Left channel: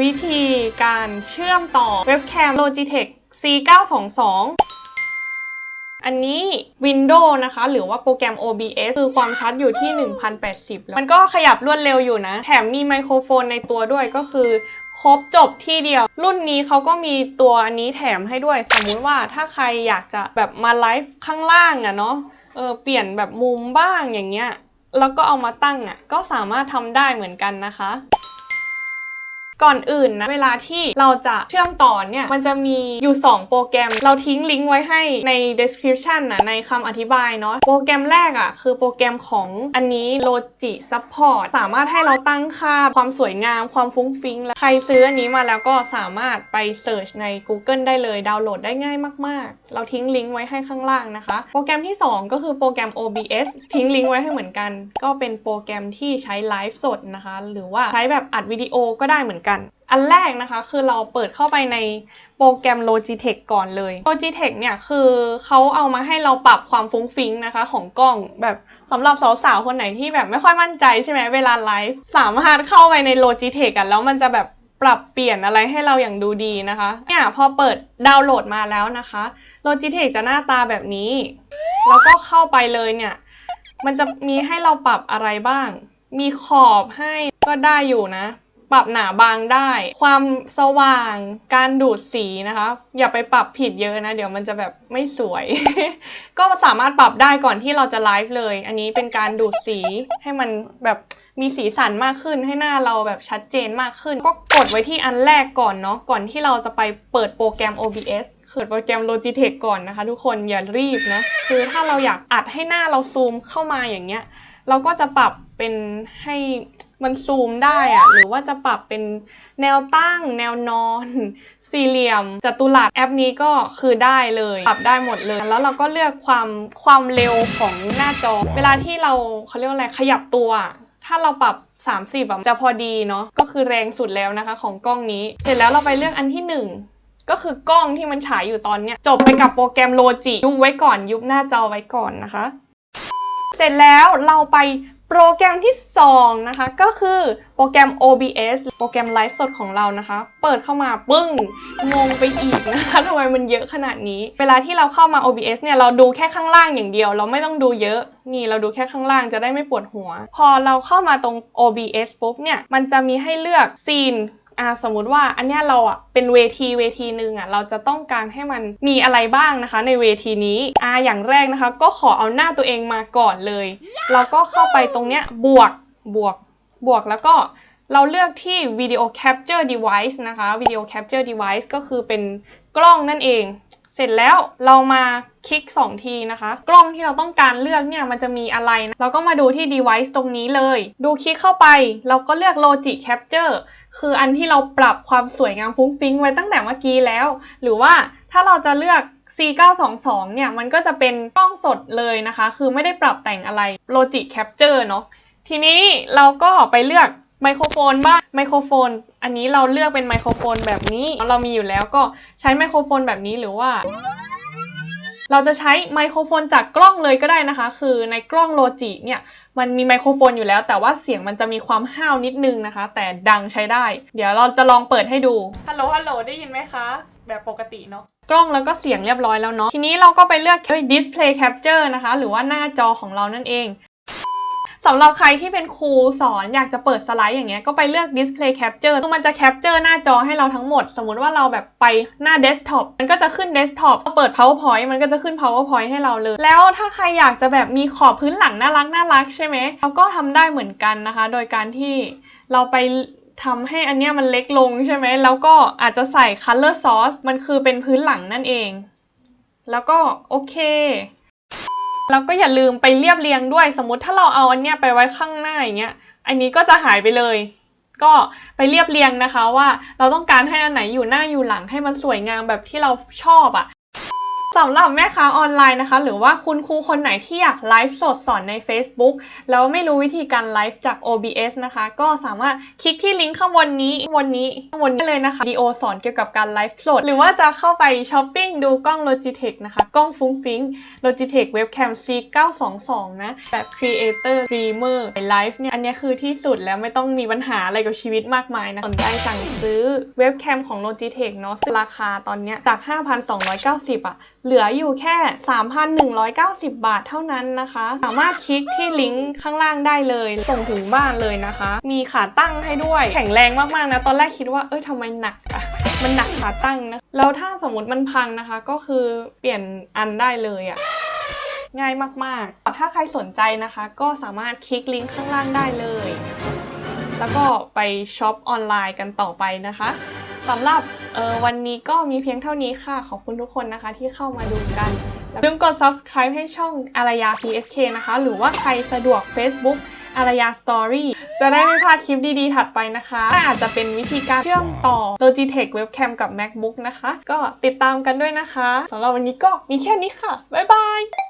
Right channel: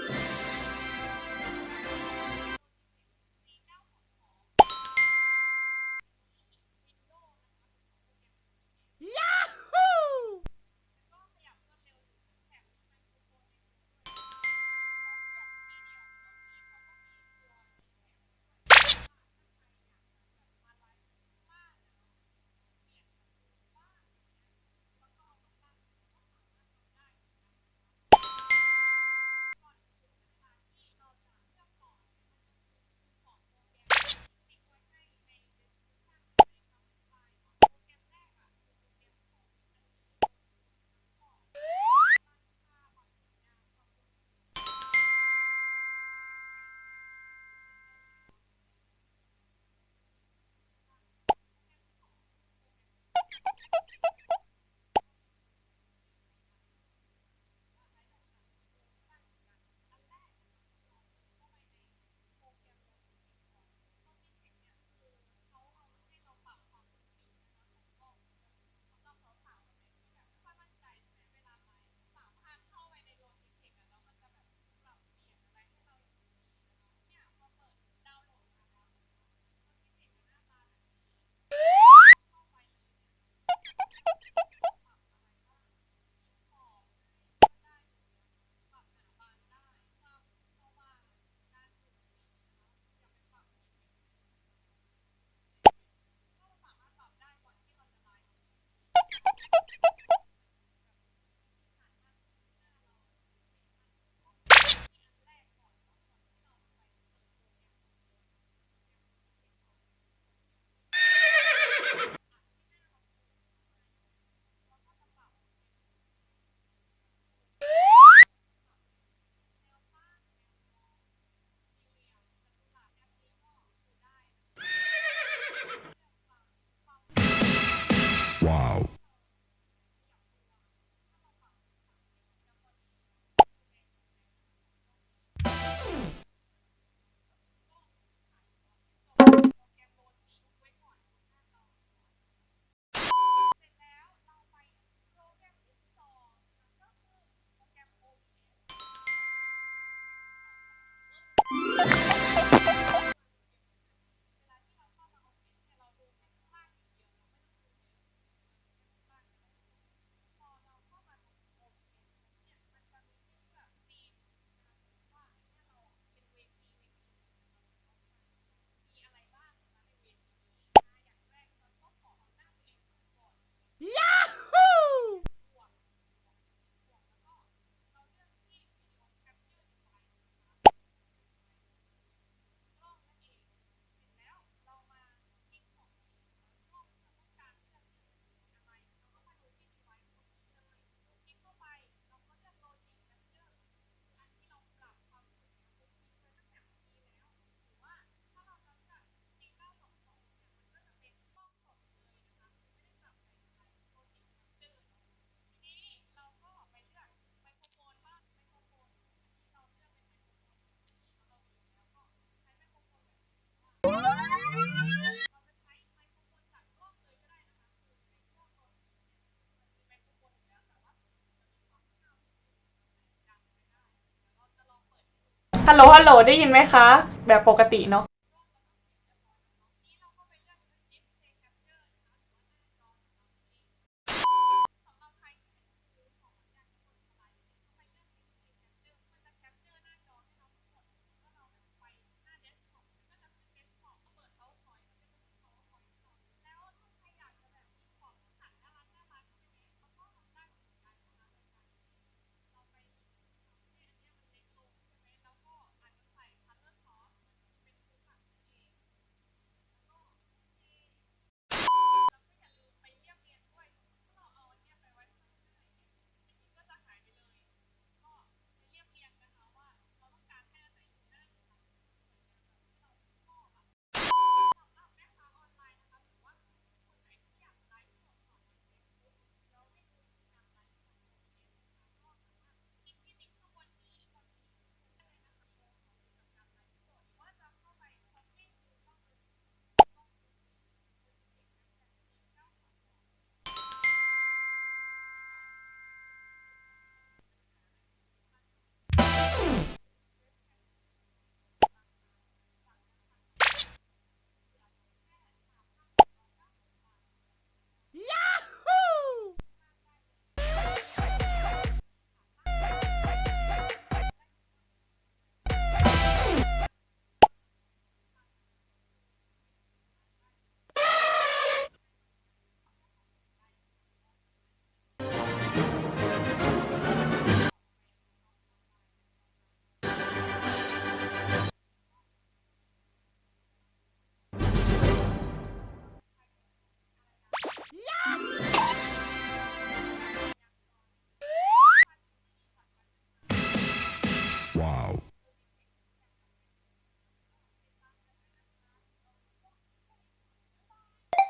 วิธีการเชื่อมต่อเว็บแคม Logitech C922 อันนี้ Windows นะคะ หรือว่าโปรแกรม OBS คือความชัดอยู่ที่ 1080 แล้ว มันก็ขยับรวดเร็วอยู่นะ แถมมีไมโครโฟนในตัวด้วยก็คือครบจบที่เดียว รุ่นนี้เขาก็มีตัวอันนี้แถมให้ด้วย สมมุติว่าถ้าใครอยากจะแบบมาไลฟ์ข้างล่างอะเนาะเออเปลี่ยนแบบมุมบ้างอย่างเงี้ย แล้วก็เอามาตั้งอะก็สามารถทำได้เหมือนกันนะคะ ก่อนอื่นนะเวลาที่เราจะเชื่อมต่อเนี่ยมันจะมีอยู่ 2 โปรแกรม เราทิ้งลิงก์ไว้ให้ใน description นะในคำอธิบายเนาะโปรแกรมแรกอะ่ะคือโปรแกรมของอันนี้ Logi Support สามารถให้เราตั้งค่าความสวยงามความฟุ้งฟิ้งและใครซื้ออันนี้มาแล้วก็สามารถไป search ใน Google ได้เลยดาวน์โหลดได้ง่ายมาก ๆ เราทิ้งลิงก์ไว้ให้ข้างล่างนะคะ โปรแกรมที่ 2 ก็คือโปรแกรม OBS ทิ้งลิงก์ไว้ให้เหมือนกัน ก็เป็นโปรแกรมที่ใช้ไลฟ์สดนะคะ หรือว่าใช้แบบอัดวิดีโอก็ได้เหมือนกันอันแรกนะคะคือเราเปิดเข้าไปในโปรแกรม Logitech ก่อนเลย Logitech เนี่ยคือเขาเอามาให้เราปรับความฟุ้งฟิ้งนะคะ ของกล้องแบบสำหรับสาวๆ คนไหนที่แบบไม่ค่อยมั่นใจใช่ไหมเวลาไลฟ์สามารถเข้าไปใน Logitech กันแล้วมันจะแบบปรับเปลี่ยนอะไรให้เราอย่างดูดีนะคะเนี่ยพอเปิดดาวน์โหลดมาแล้วนะคะ Logitech จะหน้าตาแบบนี้ แล้วก็เข้าไปเลยเนี่ยมันจะมีให้เราปรับอะไรบ้าง มีขอบให้ก็ได้อยู่นะ ปรับหนาบางได้ ความสว่างการดูดสีนะคะ อย่าไปปรับผิดเยอะนะ เดี๋ยวมันจะแบบไม่สวย ก็สามารถปรับได้ก่อนที่เราจะไลฟ์เลย อันนี้เป็นการดูดสีให้มันแบบมีสีสันมากขึ้นให้หน้าเราแบบชัดเจนมากขึ้น ก็กดไว้ที่อันแรกก่อนเนาะก่อนที่เราจะไปเปิดโปรแกรม OBS เปิดโปรแกรม Logitech ก่อนนะคะ ทุกคนอย่ารีบนะคือถ้าเราอยากอัดให้หน้าเราซูมเข้ามาอย่างเงี้ย เราก็จะปรับเป็นให้มันซูมได้อะหรือว่าจะปรับเป็นแนวตั้ง แนวนอน สี่เหลี่ยมจัตุรัสแอปนี้ก็คือได้เลย ปรับได้หมดเลย แล้วเราก็เลือกความความเร็วของหน้าจอ เวลาที่เราเขาเรียกว่าอะไรขยับตัว ถ้าเราปรับ 30แบบจะพอดีเนาะก็คือแรงสุดแล้วนะคะ ของกล้องนี้ เสร็จแล้วเราไปเลือกอันที่หนึ่งก็คือกล้องที่มันฉายอยู่ตอนเนี้ยจบไปกับโปรแกรมโลจิยุบไว้ก่อนยุบหน้าจอไว้ก่อนนะคะ เสร็จแล้วเราไปโปรแกรมที่ 2 นะคะ ก็คือโปรแกรม OBS โปรแกรมไลฟ์สดของเรานะคะ เปิดเข้ามาปึ้งงงไปอีกนะคะทำไมมันเยอะขนาดนี้ เวลาที่เราเข้ามา OBS เนี่ยเราดูแค่ข้างล่างอย่างเดียว เราไม่ต้องดูเยอะ นี่เราดูแค่ข้างล่างจะได้ไม่ปวดหัว พอเราเข้ามาตรง OBS ปุ๊บเนี่ยมันจะมีให้เลือกซีน อ่าสมมุติว่าอันเนี้ยเราอะเป็นเวทีเวทีหนึ่งอะเราจะต้องการให้มันมีอะไรบ้างนะคะ ในเวทีนี้อ่าอย่างแรกนะคะ ก็ขอเอาหน้าตัวเองมาก่อนเลย เราก็เข้าไปตรงเนี้ยบวกบวกบวกแล้วก็เราเลือกที่ video capture device นะคะ video capture device ก็คือเป็นกล้องนั่นเอง เสร็จแล้วเรามาคลิก 2 ทีนะคะ กล้องที่เราต้องการเลือกเนี่ยมันจะมีอะไรนะเราก็มาดูที่ device ตรงนี้เลย ดูคลิกเข้าไป เราก็เลือก logic capture คืออันที่เราปรับความสวยงามฟุ้งฟิ้งไว้ตั้งแต่เมื่อกี้แล้ว หรือว่าถ้าเราจะเลือก C922 เนี่ยมันก็จะเป็นกล้องสดเลยนะคะ คือไม่ได้ปรับแต่งอะไร logic capture เนาะทีนี้เราก็ไปเลือก ไมโครโฟนบ้างไมโครโฟน อันนี้เราเลือกเป็นไมโครโฟนแบบนี้ เรามีอยู่แล้วก็ใช้ไมโครโฟนแบบนี้หรือว่า เราจะใช้ไมโครโฟนจากกล้องเลยก็ได้นะคะ คือในกล้องโลจิเนี่ยมันมีไมโครโฟนอยู่แล้ว แต่ว่าเสียงมันจะมีความห้าวนิดนึงนะคะ แต่ดังใช้ได้ เดี๋ยวเราจะลองเปิดให้ดูฮัลโหลฮัลโหลได้ยินไหมคะ แบบปกติเนาะกล้องแล้วก็เสียงเรียบร้อยแล้วเนาะทีนี้เราก็ไปเลือก display capture นะคะ หรือว่าหน้าจอของเรานั่นเอง สำหรับใครที่เป็นครูสอนอยากจะเปิดสไลด์อย่างเงี้ยก็ไปเลือก display capture คือมันจะ capture หน้าจอให้เราทั้งหมด สมมติว่าเราแบบไปหน้า desktop มันก็จะขึ้น desktop เปิด powerpoint มันก็จะขึ้น powerpoint ให้เราเลย แล้วถ้าใครอยากจะแบบมีขอบพื้นหลังน่ารักน่ารักใช่ไหมเราก็ทำได้เหมือนกันนะคะ โดยการที่เราไปทำให้อันเนี้ยมันเล็กลงใช่ไหม แล้วก็อาจจะใส่ color source มันคือเป็นพื้นหลังนั่นเอง แล้วก็โอเค แล้วก็อย่าลืมไปเรียบเรียงด้วย สมมติถ้าเราเอาอันเนี้ยไปไว้ข้างหน้าอย่างเงี้ย อันนี้ก็จะหายไปเลย ก็ไปเรียบเรียงนะคะว่าเราต้องการให้อันไหนอยู่หน้าอยู่หลังให้มันสวยงามแบบที่เราชอบอะ่ะ สำหรับแม่ค้าออนไลน์นะคะ หรือว่าคุณครูคนไหนที่อยากไลฟ์สดสอนใน Facebook แล้วไม่รู้วิธีการไลฟ์จาก OBS นะคะ ก็สามารถคลิกที่ลิงก์ข้างบนนี้ข้างบนนี้ข้างบนนี้เลยนะคะวิดีโอสอนเกี่ยวกับการไลฟ์สด หรือว่าจะเข้าไปช้อปปิ้งดูกล้อง Logitech นะคะ กล้องฟุ้งฟิ้ง Logitech Webcam C922 นะแบบ Creator Dreamer ไลฟ์เนี่ย อันนี้คือที่สุดแล้วไม่ต้องมีปัญหาอะไรกับชีวิตมากมายนะสนใจสั่งซื้อเว็บแคมของ Logitech เนาะราคาตอนเนี้ยจาก 5,290 อะเหลืออยู่แค่ 3,190 บาทเท่านั้นนะคะ สามารถคลิกที่ลิงก์ข้างล่างได้เลย ส่งถึงบ้านเลยนะคะ มีขาตั้งให้ด้วย แข็งแรงมากๆนะ ตอนแรกคิดว่า เอ้ยทำไมหนักอะมันหนักขาตั้งนะ แล้วถ้าสมมติมันพังนะคะ ก็คือเปลี่ยนอันได้เลยอะง่ายมากๆ ถ้าใครสนใจนะคะ ก็สามารถคลิกลิงก์ข้างล่างได้เลย แล้วก็ไปช็อปออนไลน์กันต่อไปนะคะสำหรับออวันนี้ก็มีเพียงเท่านี้ค่ะ ขอบคุณทุกคนนะคะที่เข้ามาดูกันอย่าลืมกด subscribe ให้ช่องอารยา PSK นะคะ หรือว่าใครสะดวก Facebook อารยา Story จะได้ไม่พลาดคลิปดีๆ ถัดไปนะคะ อาจจะเป็นวิธีการเชื่อมต่อ Logitech Webcam กับ MacBook นะคะ ก็ติดตามกันด้วยนะคะสำหรับวันนี้ก็มีแค่นี้ค่ะ บ๊ายบาย